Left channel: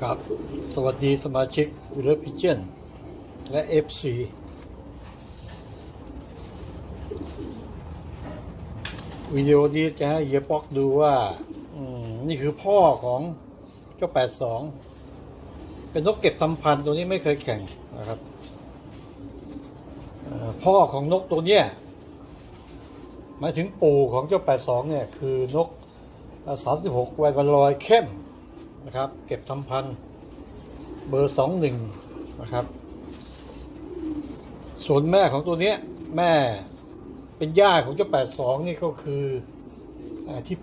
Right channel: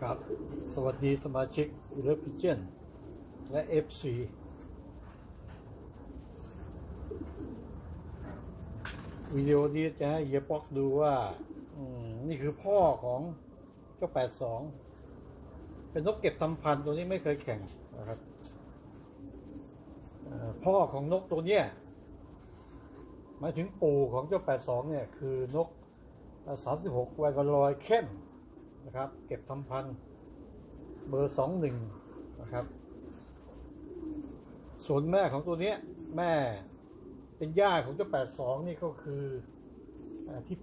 ครับสวัสดีสมาชิกวิลเลพิเจนและ FC วิดีโอนี้จะให้เฮียปอกดูว่า นี่คือพ่อของเจ้า 82 เป็นนกเก็บทำพันธุ์ตัวนี้ไม่เคยแข่งนะครับ พ่อของนกตัวเนี้ยหมายถึงปู่ของเจ้า 82 เนี่ย คือนกเอ่อ36 แวนวันลอยเข้ม นะครับ เก็บทำพันเบอร์21นะครับ ส่วนแม่ของตัวเนี้ยแม่เป็นย่าของเจ้า82นี่ก็คืออที่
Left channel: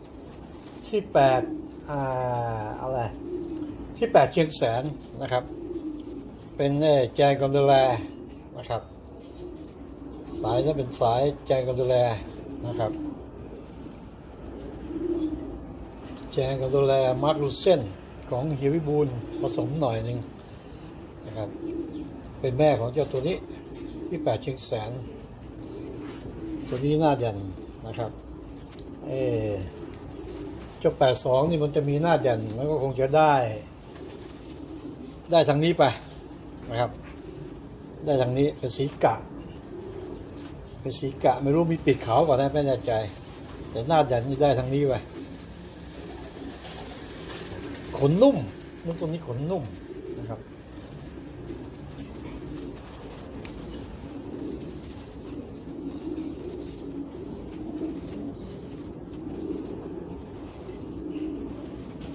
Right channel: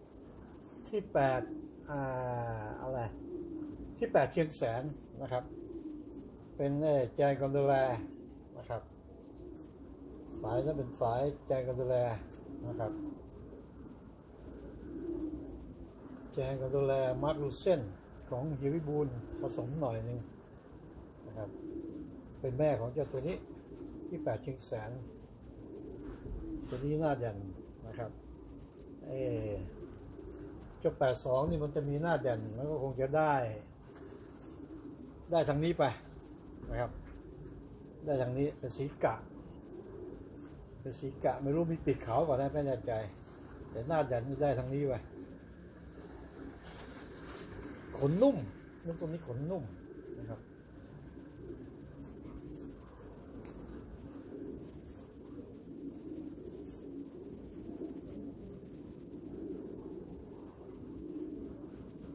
8ที่8อ่าอะไรที่8เชียงแสนนะครับ เป็นเอ่อแจงกอนดูแลนะครับ สายนั้นเป็นสายแจงกอนดูแลนะครับ แจงกอนดูแลมาร์คลูเซนของเฮียวิบูลผสมหน่อยหนึ่งนะครับ เป็นแม่ของเจ้าตัวนี้ที่8เชียงแสน ตัวนี้หน้าเด่นนะครับเออเจ้า82นี่มันจะมีหน้าเด่นมันก็คงจะได้ ได้ทางนี้ไปนะครับ ได้ทางนี้เป็นสีกะ เป็นสีกะไม่รู้มีปีกขาวก่อนนะไม่แน่ใจ แต่หน้าเด่นนี่ได้ทางนี้ไป ขนนุ่มนกตัวนี้ขนนุ่มนะครับ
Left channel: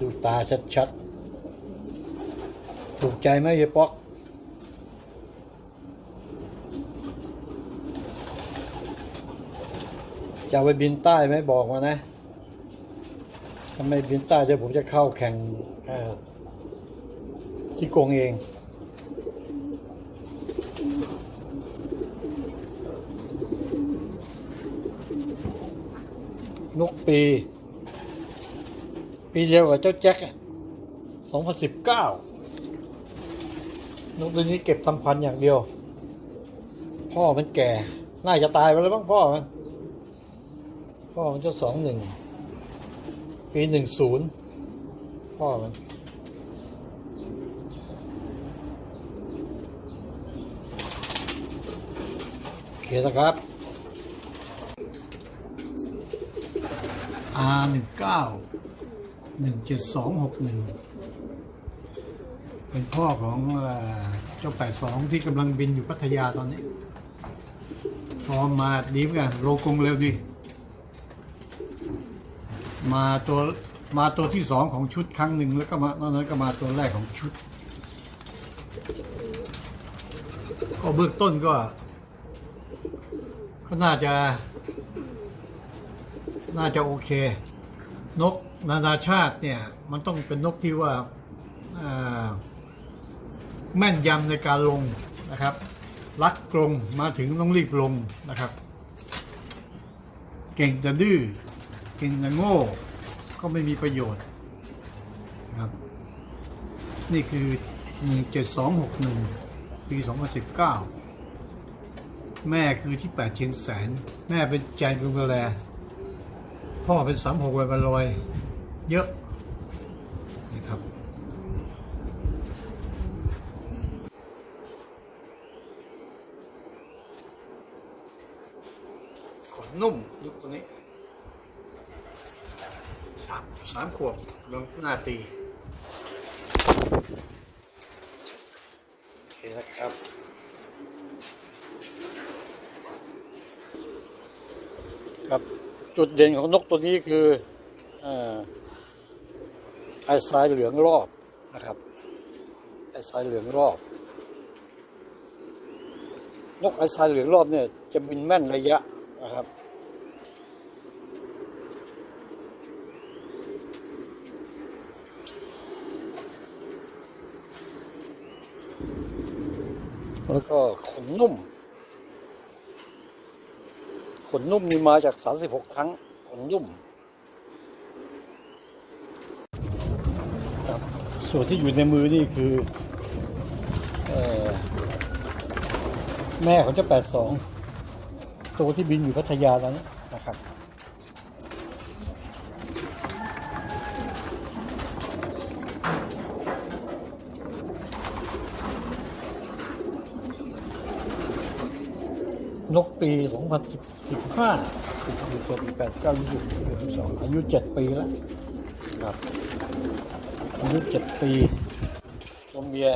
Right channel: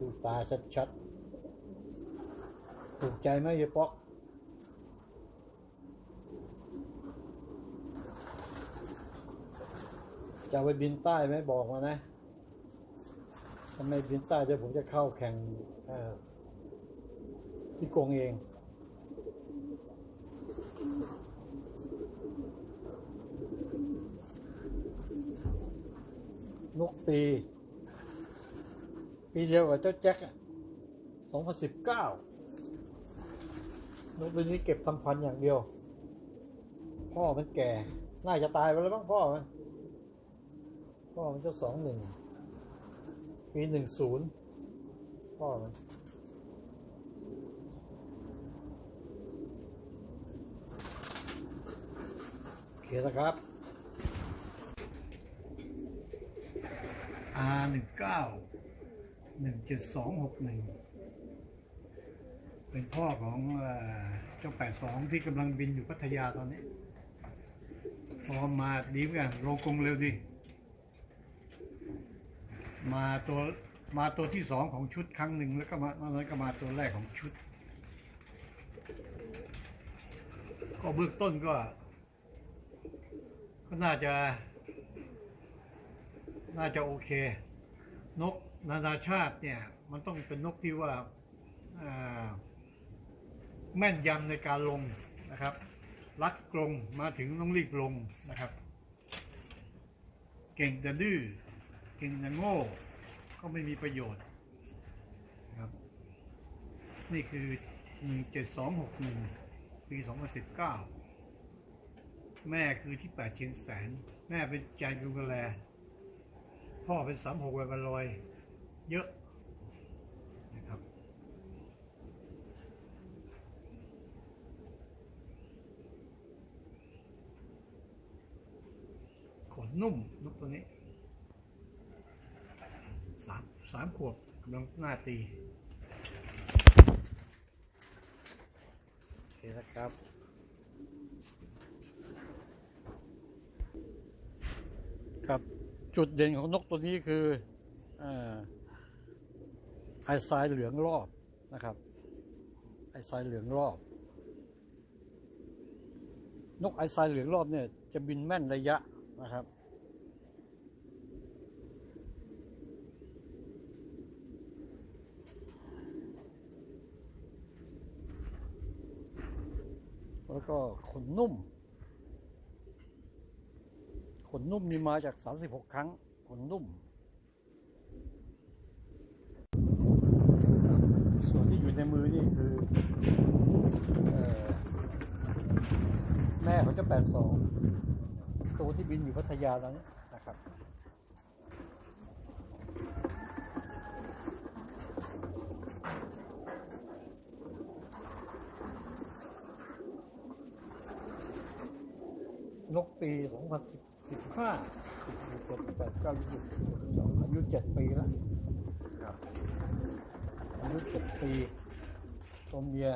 ดูตาชัดๆ ถูกใจไหมเฮียป๊อกจะไปบินใต้ไหมบอกมานะ ถ้าไมบินใต้เดี๋ยวผมจะเข้าแข่งที่กงเอง นกปี ปีเดียวกับเจ้าแจ็คสองพันสิบเก้านกตัวนี้เก็บทำพันอย่างเดียว พ่อมันแก่ น่าจะตายไปแล้วบ้างพ่อมัน พ่อมันเจ้าสองหนึ่ง ปีหนึ่งศูนย์พ่อมันโอเคนะครับ R หนึ่งเก้าหนึ่งเจ็ดสองหกหนึ่งเป็นพ่อของเจ้าแปดสองที่กำลังบินอยู่พัทยาตอนนี้ฟอร์มมาดีเหมือนกันโลกงเร็วดี มาตัวมาตัวที่สองของชุดครั้งหนึ่งแล้วก็มานอกนั้นก็มาตัวแรกของชุด ก็เบื้องต้นก็ ก็น่าจะ น่าจะโอเค นกนานาชาติเนี่ย มันต้องเป็นนกที่ว่าแม่นยำในการลงนะครับรักกรงมาถึงต้องรีบลงนะครับ เก่งแต่ดื้อ เก่งแต่โง่ ก็ไม่มีประโยชน์ครับ นี่คือ 17261 ปี 2019 แม่คือที่ 8 เชียงแสน แม่เป็นใจดุงกระแลพ่อเป็นสามหกวันบลอย เยอะนี่ครับขนนุ่มลูกตัวนี้ สามสามขวบลงหน้าตีโอเคนะครับครับจุดเด่นของนกตัวนี้คืออไอทรายเหลืองรอบนะครับไอทรายเหลืองรอบ นกไอทรายเหลืองรอบเนี่ยจะบินแม่นระยะนะครับ แล้วก็ขนนุ่ม ขนนุ่มนี่มาจาก 36 ครั้ง ขนนุ่มส่วนที่อยู่ในมือนี่คืออแม่ของเจ้า82ตัวที่บินอยู่พัทยาตอนนี้นะครับ นกปี 2015ปีตัวปี8 9 20 22อายุ 7 ปีแล้วครับอายุ7ปีตัวเมีย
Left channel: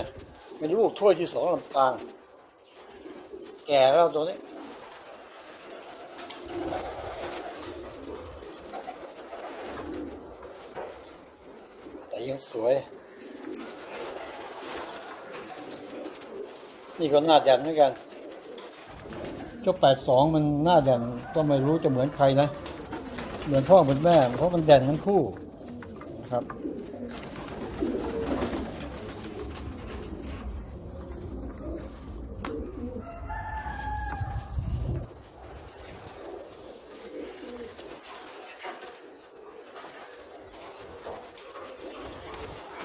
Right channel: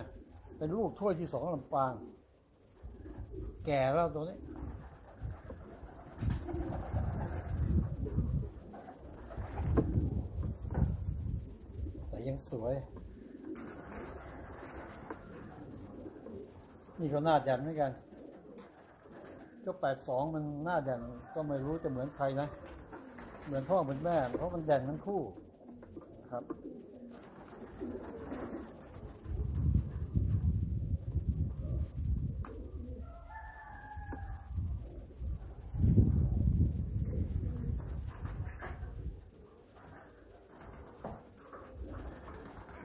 เป็นลูกถ้วยที่สองลำปาง แก่แล้วตัวนี้แต่ยังสวย นี่ก็หน้าแดนเหมือนกัน เจ้าแปดสองมันหน้าแดนก็ไม่รู้จะเหมือนใครนะ เหมือนพ่อเหมือนแม่ เพราะมันแดนทั้งคู่นะครับ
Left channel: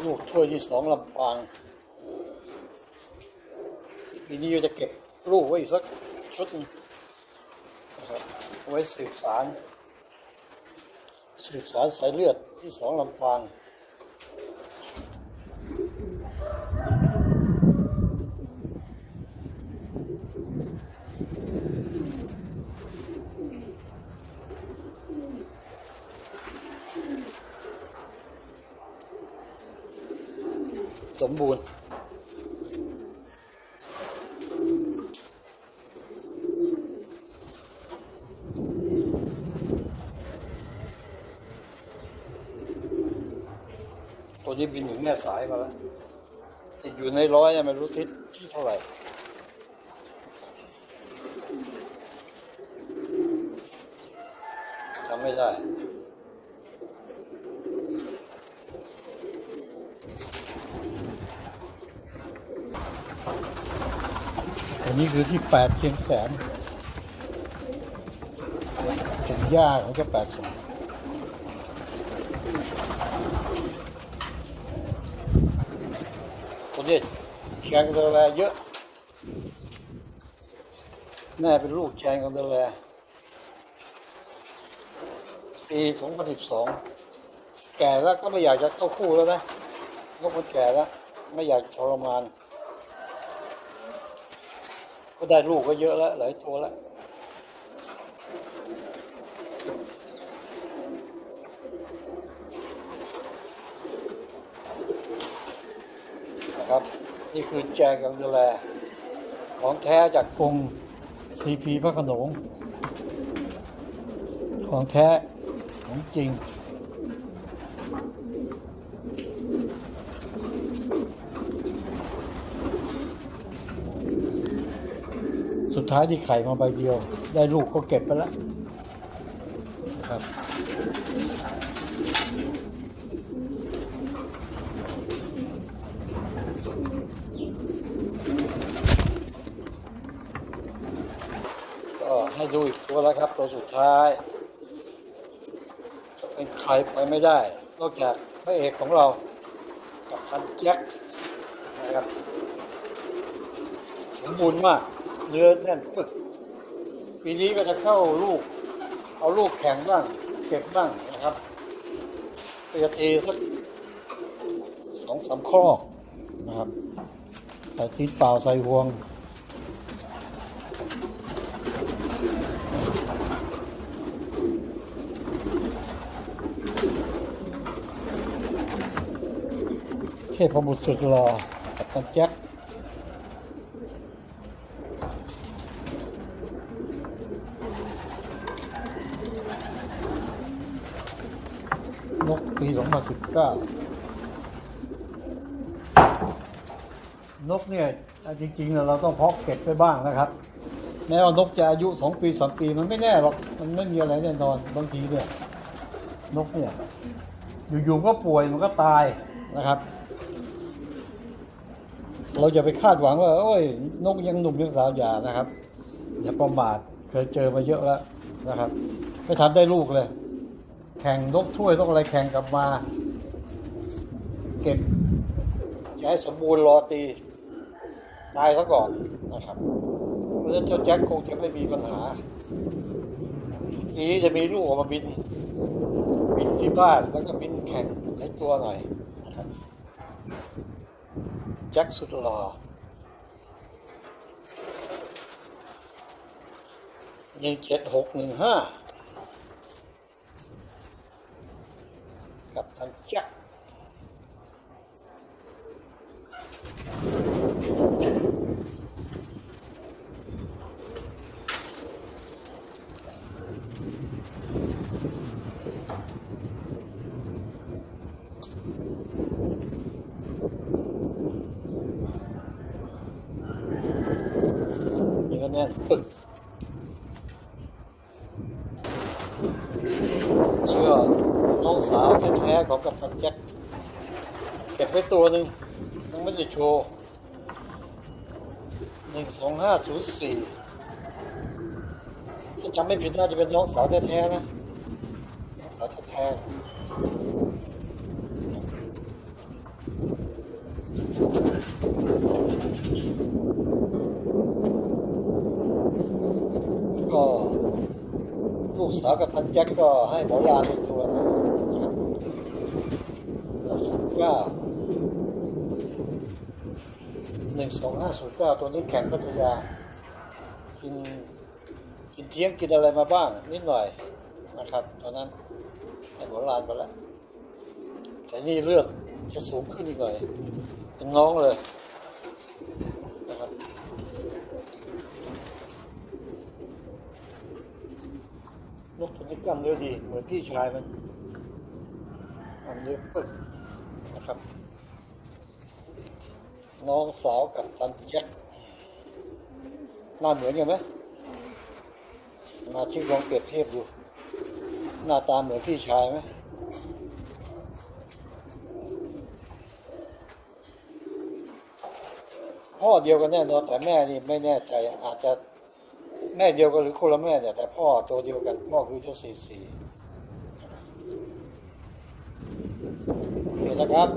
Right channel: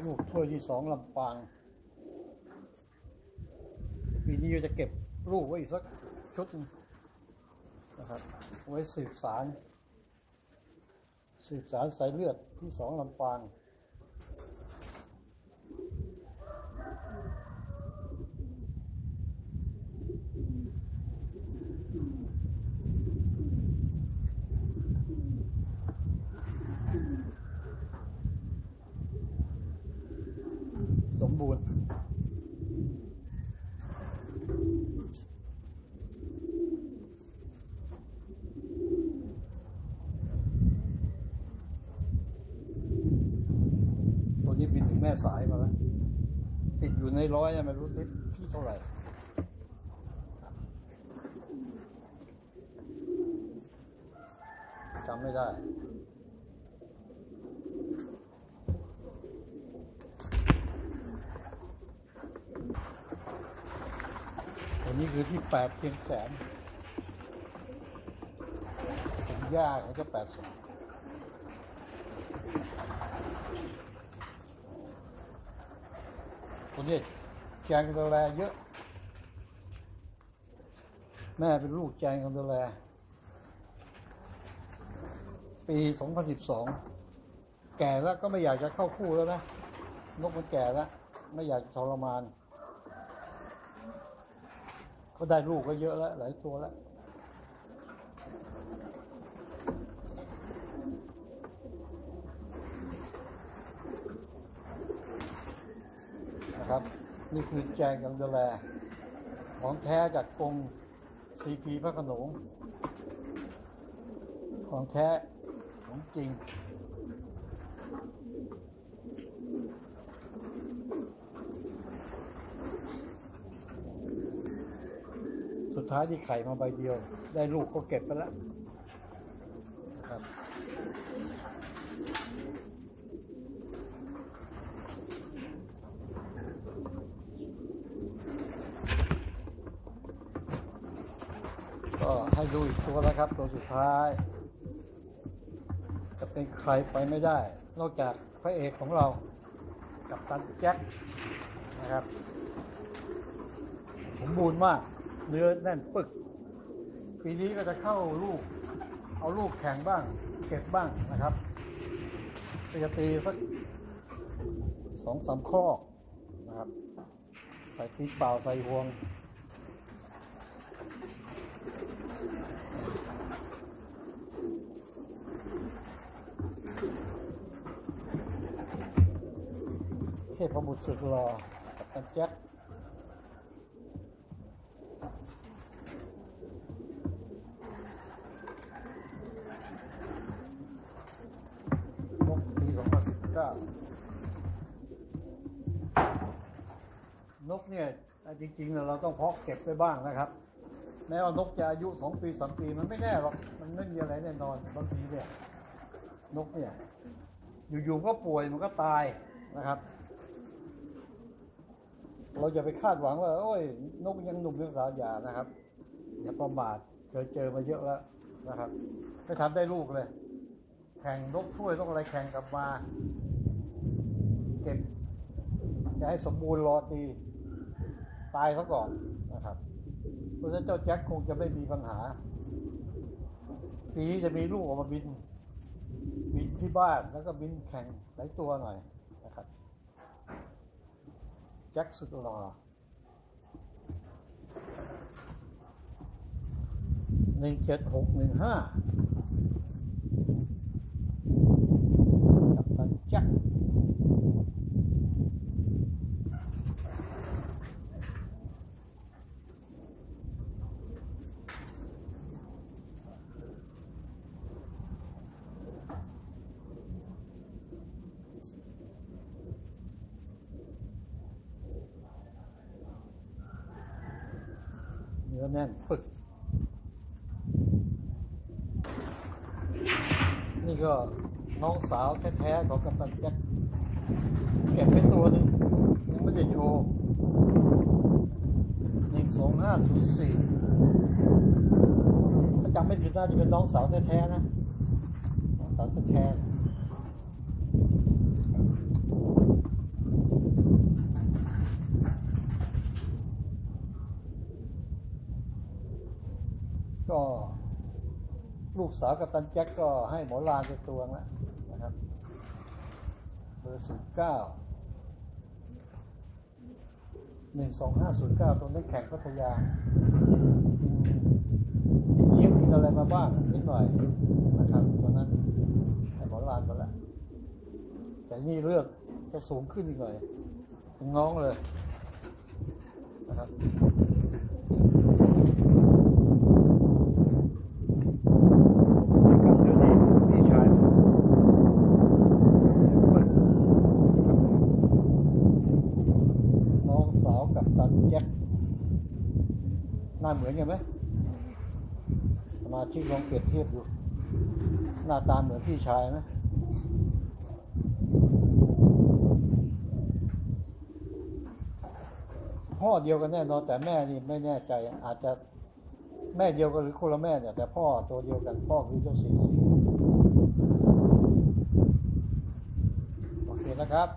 ลูกถ้วยที่สองลำปางปีนี้จะเก็บลูกไว้อีกสัก ชุดนะครับเอาไว้สืบสาร สืบสารสายเลือดที่สองลำปางสมบูรณ์ นี้บินถึงแม่สายมาแล้วติดอยู่ในร้อยยังไม่รู้ทิศที่เท่าไหร่จำไม่ได้อันนี้คือที่แปดเชียงแสนถึงย่าของเจ้าแปดสอง คนนี้แจงกันดูแลเยอะ แม่เป็นลูกแจงกันดูแลปี 2012 แก่แล้วก็ไม่อยากจะเข้าคู่แล้วนะนกมันแก่แล้ว ไม่อยากทรมาน ก็ได้ลูกก็เยอะแล้ว หลายตัวแล้ว นะครับ นี่คือแจกันดูแล ของแท้จากกรุงซีพีพระขนง ของแท้ของจริง สุดท้ายที่ไข่มาใบเดียว ได้ลูกก็เก็บไปแล้วนะครับ ก็ ให้ดูอีกตัวแล้วครับ ตัวสุดท้าย จะเป็นใครไปไม่ได้ นอกจากพระเอกของเรากับพันแจ็คนะครับสมบูรณ์มากเนื้อแน่นปึก ปีนี้ก็จะเข้าลูก เอาลูกแข่งบ้าง เก็บบ้างนะครับเตียตีสักสองสามข้อนะครับ ใส่ตีนเปล่าใส่ห่วง ทพบุตรสุดหล่อกับตันแจ็คนกปี 2019 นกเนี่ย จริงๆเนี่ยเราต้องเพาะเก็บไปบ้างนะครับ แม้ว่านกจะอายุ 2 ปี 3 ปีมันไม่แน่หรอก มันไม่มีอะไรแน่นอน บางทีเนี่ย นกเนี่ย อยู่ๆก็ป่วยมันก็ตายนะครับ เราอย่าไปคาดหวังว่า โอ้ยนกยังหนุ่มยังสาวอย่านะครับ อย่าประมาทเคยเจอมาเยอะแล้วนะครับไม่ทันได้ลูกเลย แข่งนกถ้วยต้องอะไรแข่งกลับมา เก็บจะให้สมบูรณ์รอตี ตายซะก่อนนะครับเพราะฉะนั้นเจ้าแจ็คคงจะไม่มีปัญหาปีนี้จะมีลูกออกมาบิน บินที่บ้านแล้วก็บินแข่งหลายตัวหน่อย จ็คสุดหล่อหนึ่งเจ็ดหกหนึ่งห้ากับทันจักร นี่ก็แน่นปึก นี่ก็น้องสาวแท้ๆของกัปตันแจ็คเก็บไว้ตัวหนึ่งยังไม่ได้โชว์หนึ่งสองห้าศูนย์สี่ถ้าจำไม่ผิดน่าจะเป็นน้องสาวแท้ๆนะน้องสาวแท้ๆก็ ลูกสาวกับตันแจ็คก็ให้หมอลาเป็นตัวนะสิบเก้าหนึ่งสองห้าศูนย์เก้าตัวนี้แข่งพัทยา กินกินเที่ยงกินอะไรมาบ้าง นิดหน่อยนะครับตัวนั้นให้หมอลานไปแล้ว แต่นี่เลือกจะสูงขึ้นอีกหน่อย เป็นน้องเลยนะครับ ลูกที่กล้ามเนื้อดีลูกพี่ชายมันเนื้อปึกครับ น้องสาวกับตันแจ็คหน้าเหมือนกันไหมมาชิกลองเปรียบเทียบดู หน้าตาเหมือนพี่ชายไหมพ่อเดียวกันแน่นอนแต่แม่นี่ไม่แน่ใจอาจจะแม่เดียวกันหรือคนละแม่เนี่ยแต่พ่อตัวเดียวกันพ่อคือเจ้าสีสีโอเคนะครับ